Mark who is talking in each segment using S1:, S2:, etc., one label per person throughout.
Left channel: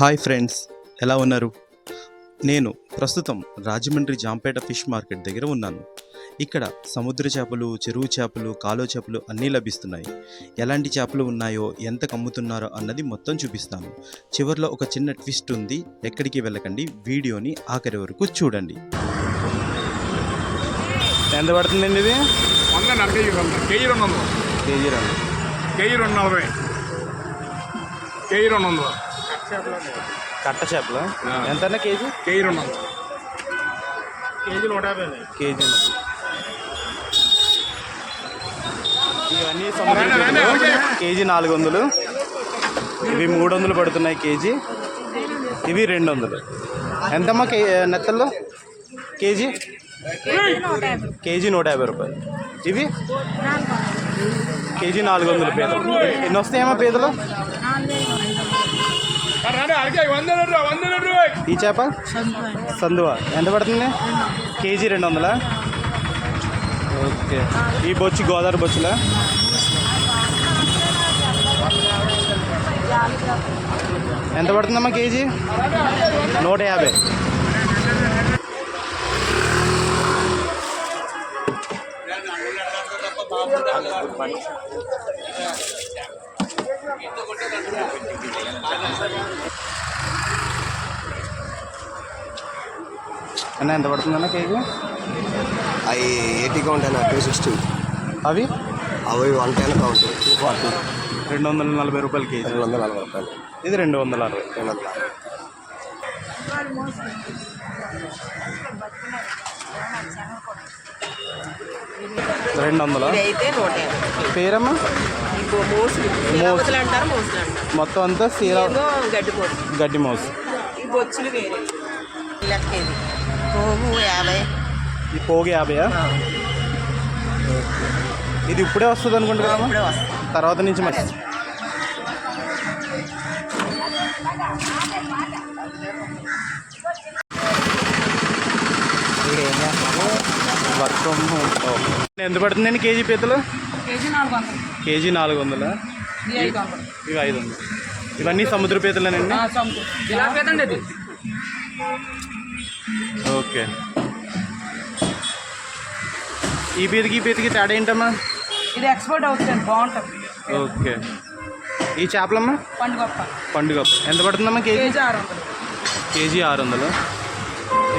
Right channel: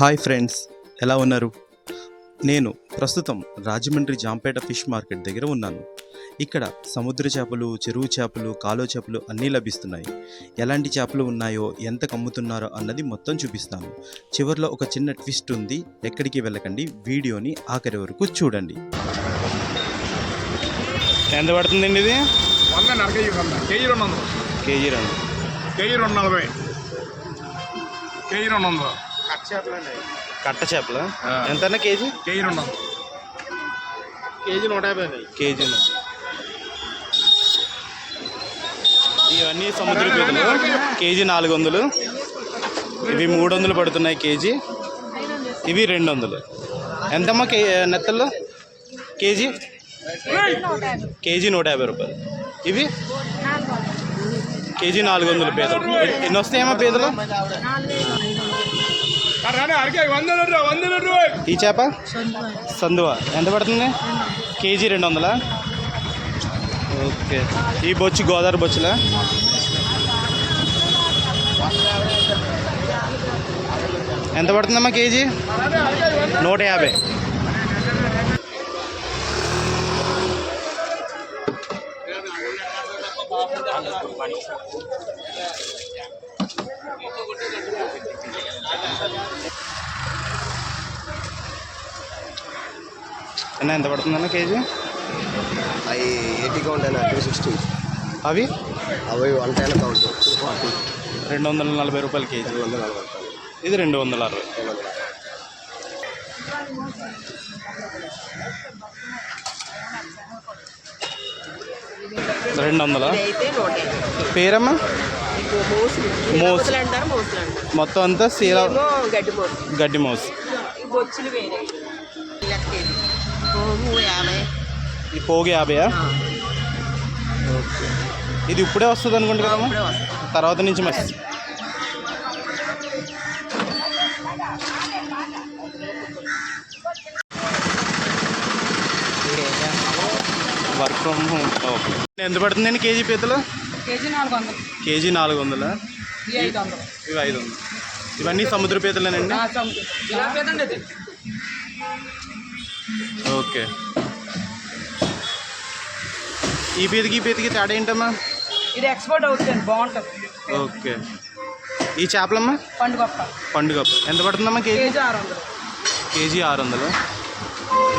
S1: Hi friends ఎలా ఉన్నారు? నేను ప్రస్తుతం రాజమండ్రి జాంపేట ఫిష్ మార్కెట్ దగ్గర ఉన్నాను. ఇక్కడ సముద్ర చేపలు చెరువు చేపలు కాలువ చేపలు అన్నీ లభిస్తున్నాయి. ఎలాంటి చేపలు ఉన్నాయో ఎంత అమ్ముతున్నారో అన్నది మొత్తం చూపిస్తాను. చివరిలో ఒక చిన్న ట్విస్ట్ ఉంది. ఎక్కడికి వెళ్ళకండి వీడియోని ఆఖరి వరకు చూడండి. ఎంత పడుతుందండి ఇది?
S2: వంద కేజీ వంద. కేజీ రెండు వందలు.
S1: కేజీ రెండు.
S2: కేజీ రెండు నలభై. కేజీ రెండు వందలు.
S1: కట్ట చేపలు? ఎంత కేజీ?
S2: కేజీ రెండు కేజీ నూట యాభై
S1: కేజీ ఇవన్నీ సముద్ర పీతలు కేజీ నాలుగు వందలు ఇవి మూడు వందలు పడుతున్నాయి కేజీ. ఇవి రెండు వందలు ఎంతమ్మా కే నెత్తల్లో కేజీ? కేజీ నూట యాభై రూపాయలు. ఇవి? కేజీ నాలుగు వందలు పీతలు. ఎన్ని వస్తాయమ్మా పీతలు? ఈ చేప? సందువ. ఎంత పడుతుంది? కేజీ రెండు వందలా ఓకే. ఈ బొచ్చు గోదావరి బొచ్చులా? ఎంత పడుతుందమ్మా కేజీ? నూట యాభై. అన్న ఎంత పడుతుందన్న కేజీ?
S3: అవి ఎయిటీ కౌంట్ అన్న టూ సిక్స్టీ.
S1: అవి?
S3: అవి one ten count two forty.
S1: రెండు వందల నలభై రూపాయలు కేజీ.
S3: రెండు వందల నలభై రూపాయలు.
S1: ఇది రెండు వందల అరవై.
S3: రెండు వందల
S1: రెండు వందల పేరమ్మా? మొత్తం అంతా సీల
S4: గడ్డి మోసు.
S1: గడ్డి మౌస్.
S4: ఈ బొచ్చులు వేరే. పోగు యాభై
S1: ఈ పోగు యాభైయా? ఇది ఇప్పుడే వస్తుంది అనుకుంటా కదమ్మా
S4: వస్తాం
S1: తర్వాత నుంచి మరి. Work from home. ఓకే. ఎంత పడుతుందండి కేజీ పీతలు?
S5: కేజీ నాలుగు వందలు.
S1: ఇవి ఐదు వందలు. ఇవన్నీ సముద్ర పీతలేనండి. ఓకే. ఈ పీతకి ఈ పీతకి తేడా ఏంటమ్మా?
S5: ఇది ఎక్స్పోర్ట్ అవుతుంది బాగుంటుంది.
S1: ఓకే. ఈ చేపలమ్మా?
S5: పండుగప్ప
S1: పండుగ ఎంత పడుతుందమ్మా కేజీ?
S5: కేజీ ఆరు వందలు
S1: కేజీ ఆరు వందలు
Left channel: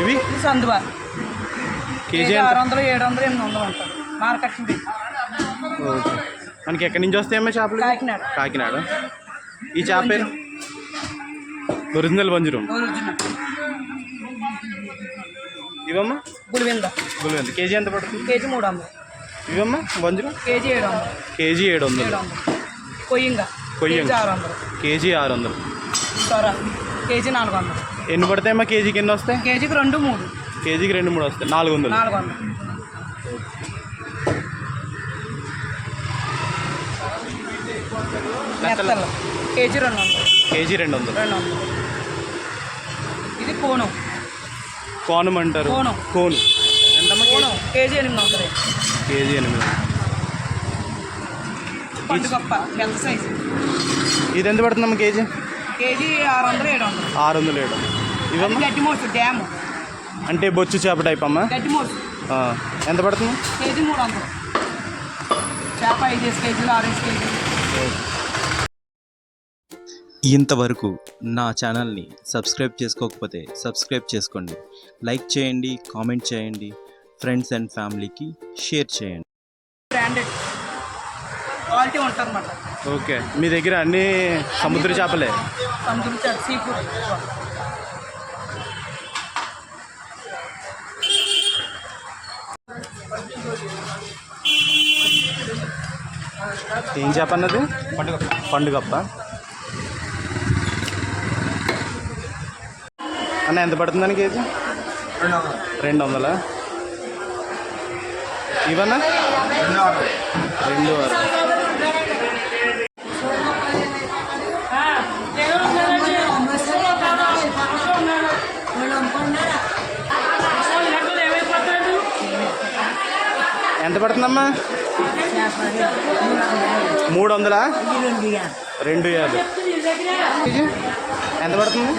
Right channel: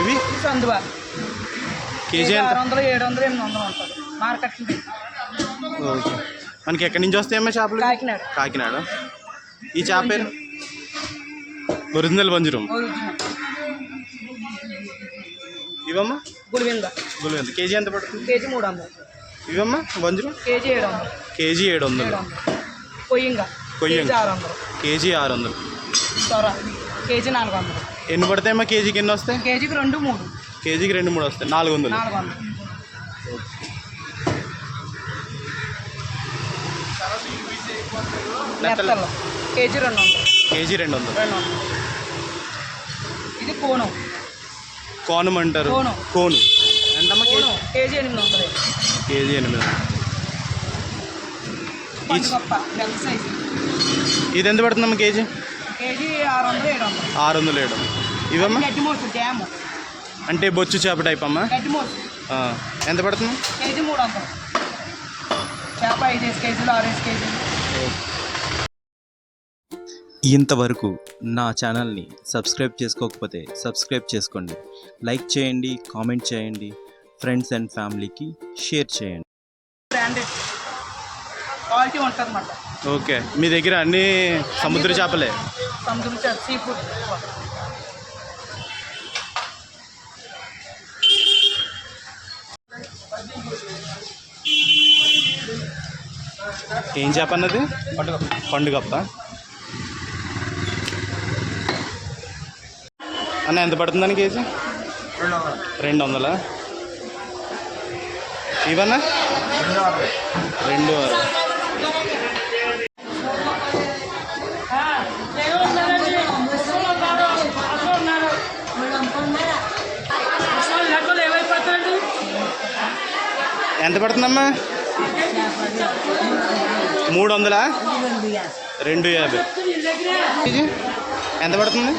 S1: ఇవి
S5: సందువా.
S1: కేజీ
S5: ఆరు వందలు ఏడు వందలు ఎనిమిది వందలు ఉంటుంది మార్కెట్
S1: ఓకే. మనకి ఎక్కడి నుంచి వస్తాయమ్మా చేపలు?
S5: కాకినాడ.
S1: కాకినాడ. ఈ చేప పేరు? ఒరిజినల్ వంజరం
S5: ఒరిజినల్.
S1: ఇవమ్మా?
S5: గుడివింద
S1: గుల్వెంత కేజీ ఎంత పడుతుంది?
S5: కేజీ మూడు వందలు
S1: ఇవమ్మా? వంజరం
S5: కేజీ ఏడు వందలు
S1: కేజీ ఏడు వందలు
S5: కొయ్యంగా.
S1: కొయ్యంగా.
S5: కేజీ ఆరు వందలు
S1: కేజీ ఆరు వందలు
S5: సొర కేజీ నాలుగు వందలు
S1: ఎన్ని పడతాయమ్మా కేజీకి ఎన్ని వస్తాయి?
S5: కేజీకి రెండు మూడు.
S1: కేజీకి రెండు మూడు వస్తాయి. నాలుగు వందలు
S5: నాలుగు వందలు
S1: నెత్తలు
S5: కేజీ రెండు వందలు
S1: కేజీ రెండు వందలు
S5: రెండు వందలు ఇది కోనం
S1: కోనం అంటారు.
S5: కోను.
S1: కోను. ఎంతమ్మా కేజీ?
S5: కోనం. కేజీ ఎనిమిది వందలు.
S1: కేజీ ఎనిమిది వందలు.
S5: పండుగప్ప పెద్ద సైజు.
S1: ఇది ఎంత పడుతుందమ్మా కేజీ?
S5: కేజీ ఆరు వందలు ఏడు వందలు.
S1: ఆరు వందలు ఏడు వందలు. ఇవమ్మా?
S5: గడ్డి మోసు డ్యాము.
S1: అంటే బొచ్చు చేప టైప్ అమ్మా?
S5: గడ్డి మోసు.
S1: ఆ, ఎంత పడుతుంది?
S5: కేజీ మూడు వందలు. చేప ఐదేసి కేజీలు ఆరేసి కేజీలు.
S1: ఇంతవరకు నా ఛానల్ని సబ్స్క్రైబ్ చేసుకోకపోతే సబ్స్క్రైబ్ చేసుకోండి. లైక్ చేయండి కామెంట్ చేయండి. ఫ్రెండ్స్ అండ్ ఫ్యామిలీకి షేర్ చేయండి.
S5: Branded quality
S1: okay. మీ దగ్గర అన్ని సముద్ర చేపలే?
S5: సముద్రం చేప సీ ఫుడ్
S1: ఏం చేప అన్నది? పండుగ పండుగప్ప. అన్న ఎంత పడుతుందని కేజీ? రెండు వందలా ఇవన్నా? రెండు ఆరు ఎంత పడుతుందమ్మా? మూడు వందలా రెండు యాభై. ఎంత పడుతుంది.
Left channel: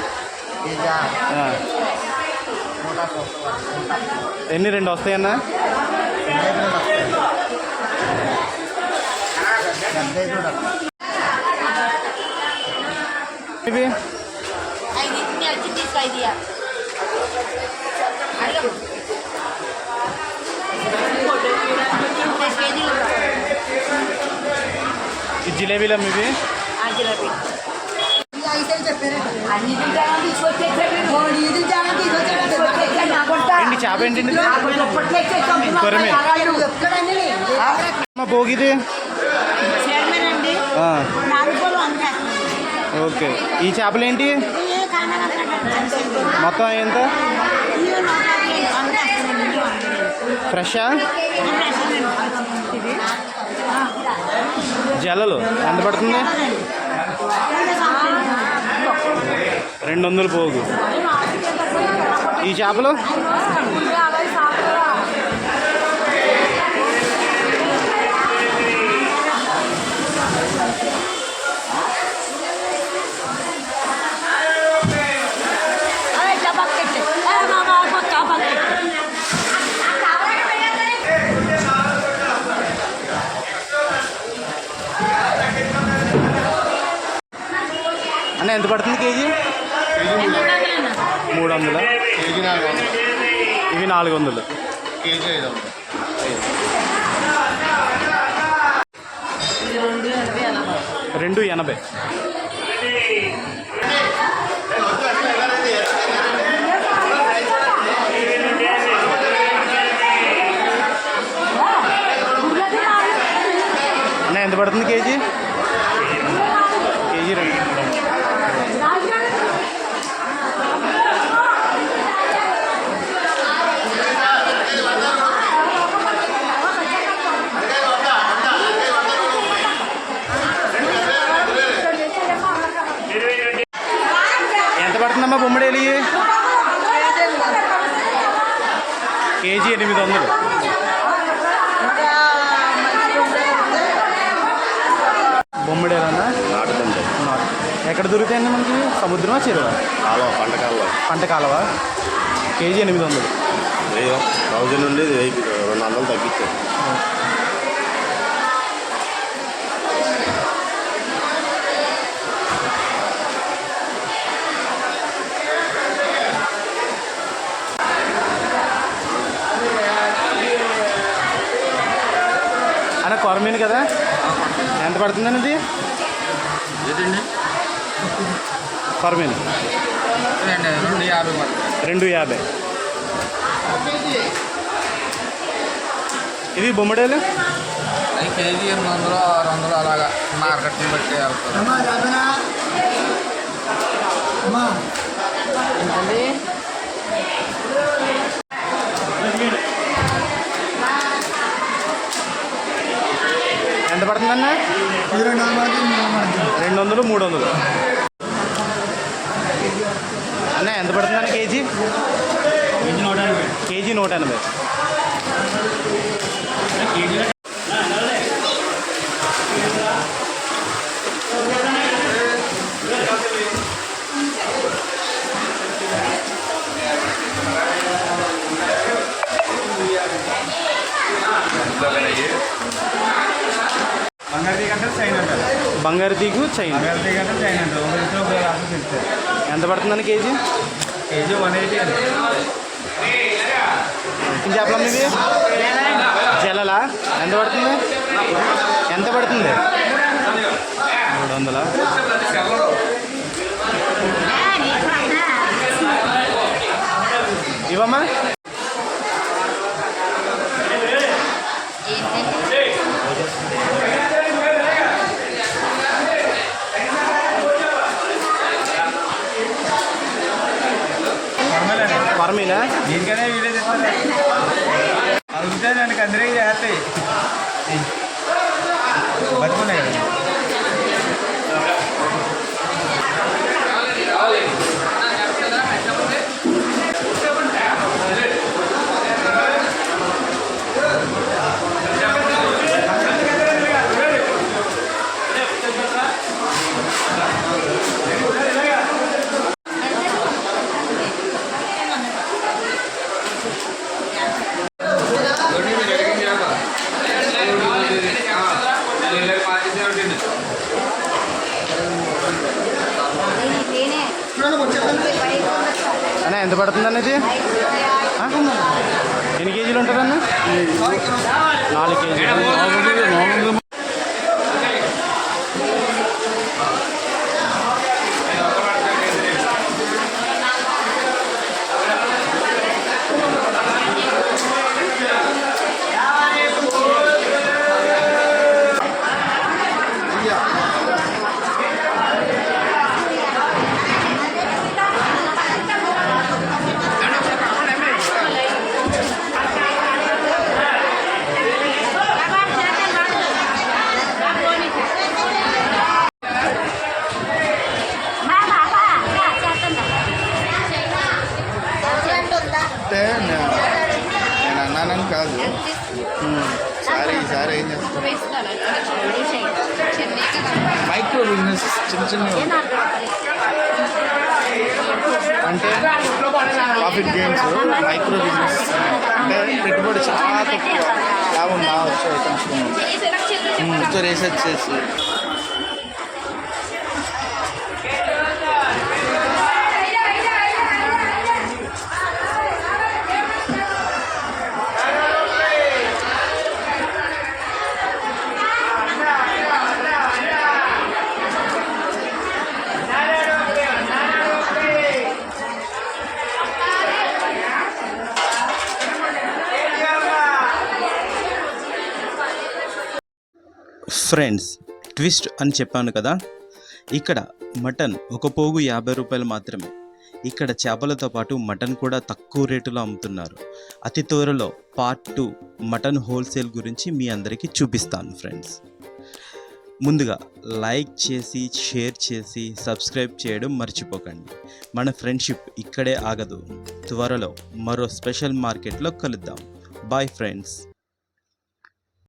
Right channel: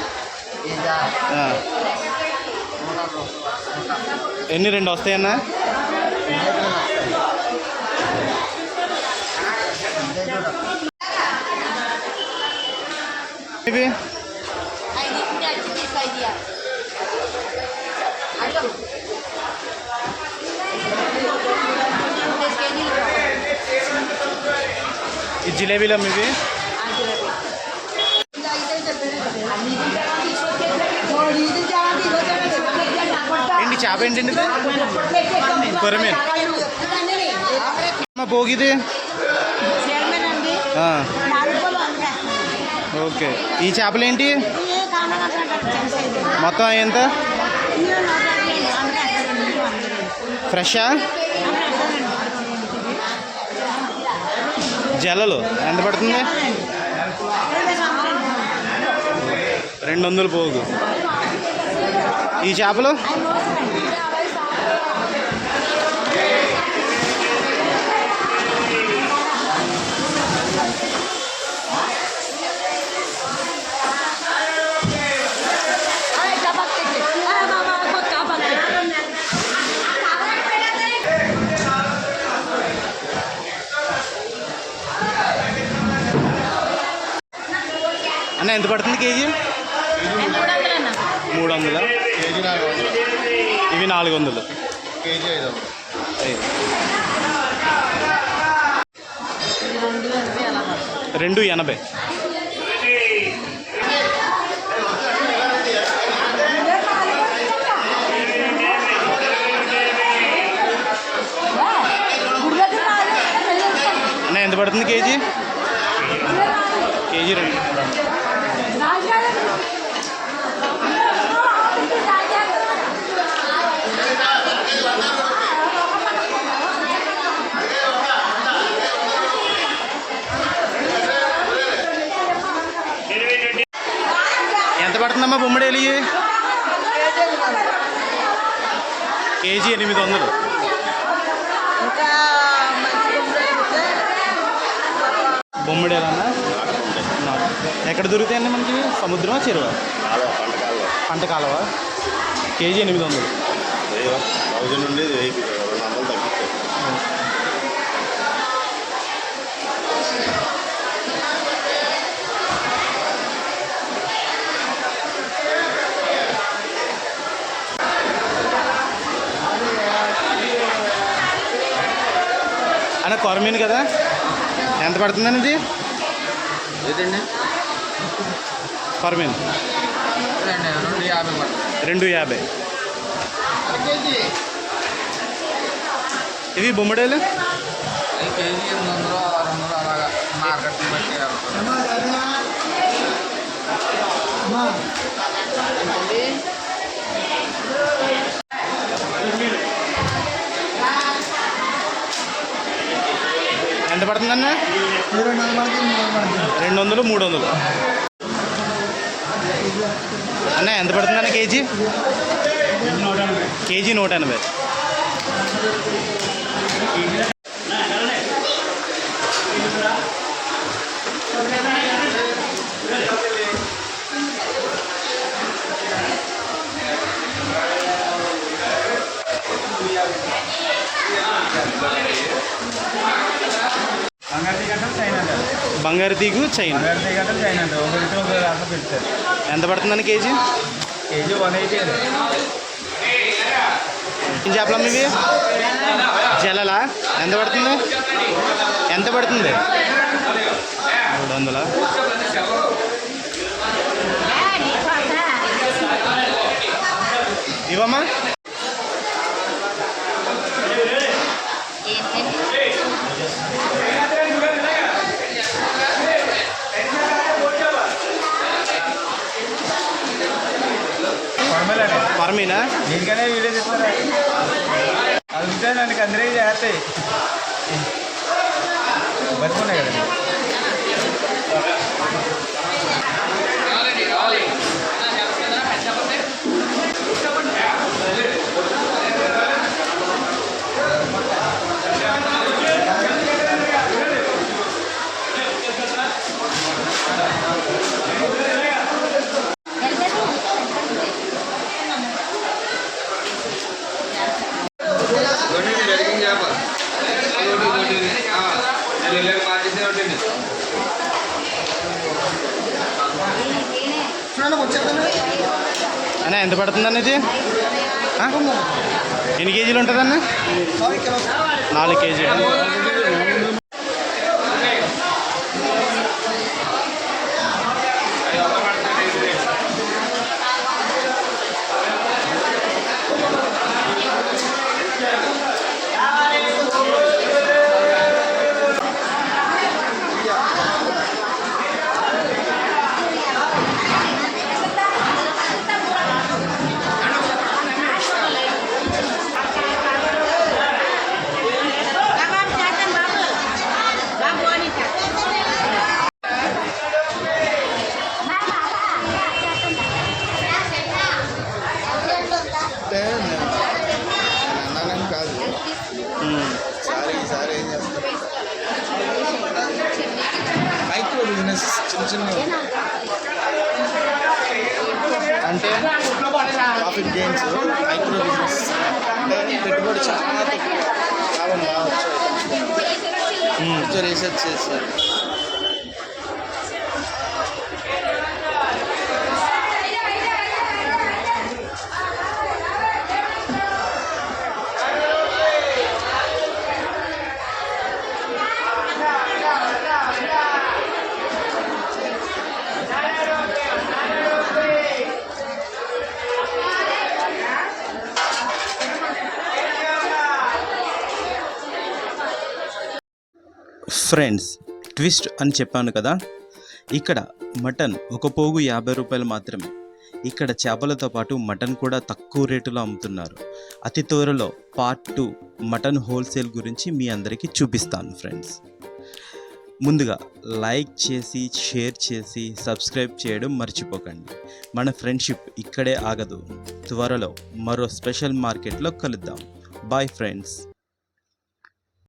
S1: ఎన్ని రెండు వస్తాయన్నా? ఇవి?
S6: ఐదు అచ్చి తీసుకో ఐదు అడగం మూడు కేజీలు
S1: ఈ జిలేబీలు అమ్మ ఇవి ఏంటి చేప ఏంటండి కొరమీన్. అమ్మ భోగిది ఓకే. ఈ చేపలు ఏంటి మొత్తం ఎంత? ఫ్రెషా? జల్లలు. ఎంత పడుతుంది? రెండు వందలు పోగు. ఈ చేపలు? అన్న ఎంత పడుతుంది కేజీ? మూడు వందల?
S2: కేజీ నాలుగు వందలు
S1: ఇవి నాలుగు వందలు
S2: కేజీ ఐదు వందలు.
S1: రెండు ఎనభై. అన్న ఎంత పడుతుంది కేజీ? కేజీ రెండు ఎంత పడుతుందమ్మా బొమ్మడేలి కేజీ ఎనిమిది వందలు. బొమ్మడేలన్నా. ఎక్కడ దొరుకుతాయండి మనకి? సముద్రమా చెరువా?
S3: కాలువ పంట కాలువ.
S1: పంట కాలవ? కేజీ ఎనిమిది వందలు. అన్న కొరమీను కదా? ఎంత పడుతుందండి? ఇది
S2: ఏదండి
S1: కొరమీను.
S2: రెండు యాభై
S1: రెండు యాభై. ఇవి బొమ్మడేలు?
S2: కేజీ ఎనిమిది వందలు ఆరు వందలు అలాగా మార్కెట్ని బట్టి
S1: ఎంత పడుతుందన్న రెండు వందలు మూడు వందలు అన్న ఎంత పడుతుందన్న కేజీ కేజీ నూట ఎనభై
S2: బంగారు
S1: బంగారు తీగు చైన్ ఎంత పడుతుందని కేజీ?
S2: కేజీ వన్ ఎయిటీ అండి.
S1: ఏం చేపలమ్మ ఇవి జలలా ఎంత పడుతుంది? ఎంత పడుతుంది? మూడు వందలా? ఇవమ్మా ఆర్మీనా?
S2: ఇంకనే వీడియో అడుగుతాయి దానికి అందరికీ చేస్తాయి. బతుకున్నాయి కదండి
S1: ఎంత పడుతుందన్న ఇది? ఎన్ని కేజీలు ఉంటుందన్న? నాలుగు కేజీలు.
S2: అంటే ప్రాఫిట్ గెయిన్స్ మైక్రో బిజినెస్ అంటే పెట్టుబడి చాలా తక్కువ. లాభం బాగా వచ్చే రీసెర్చ్ చేసి.
S1: ఫ్రెండ్స్ ట్విస్ట్ అని చెప్పాను కదా? ఇక్కడ మటన్ ఒక పోగు యాభై రూపాయలు మాత్రమే. ఇక్కడ చేపలతో పాటు మటన్ కూడా తక్కువ రేటులో అమ్ముతున్నారు. అతి త్వరలో పార్ట్ టూ మటన్ హోల్సేల్ గురించి మీ అందరికీ చూపిస్తాను ఫ్రెండ్స్. ముందుగా లైక్ చేసి షేర్ చేసి సబ్స్క్రైబ్ చేయడం మర్చిపోకండి. మన ఫ్రెండ్షిప్ ఇక్కడే ఆగదు. త్వరలో మరో స్పెషల్ మార్కెట్లో కలుద్దాం. Bye friends.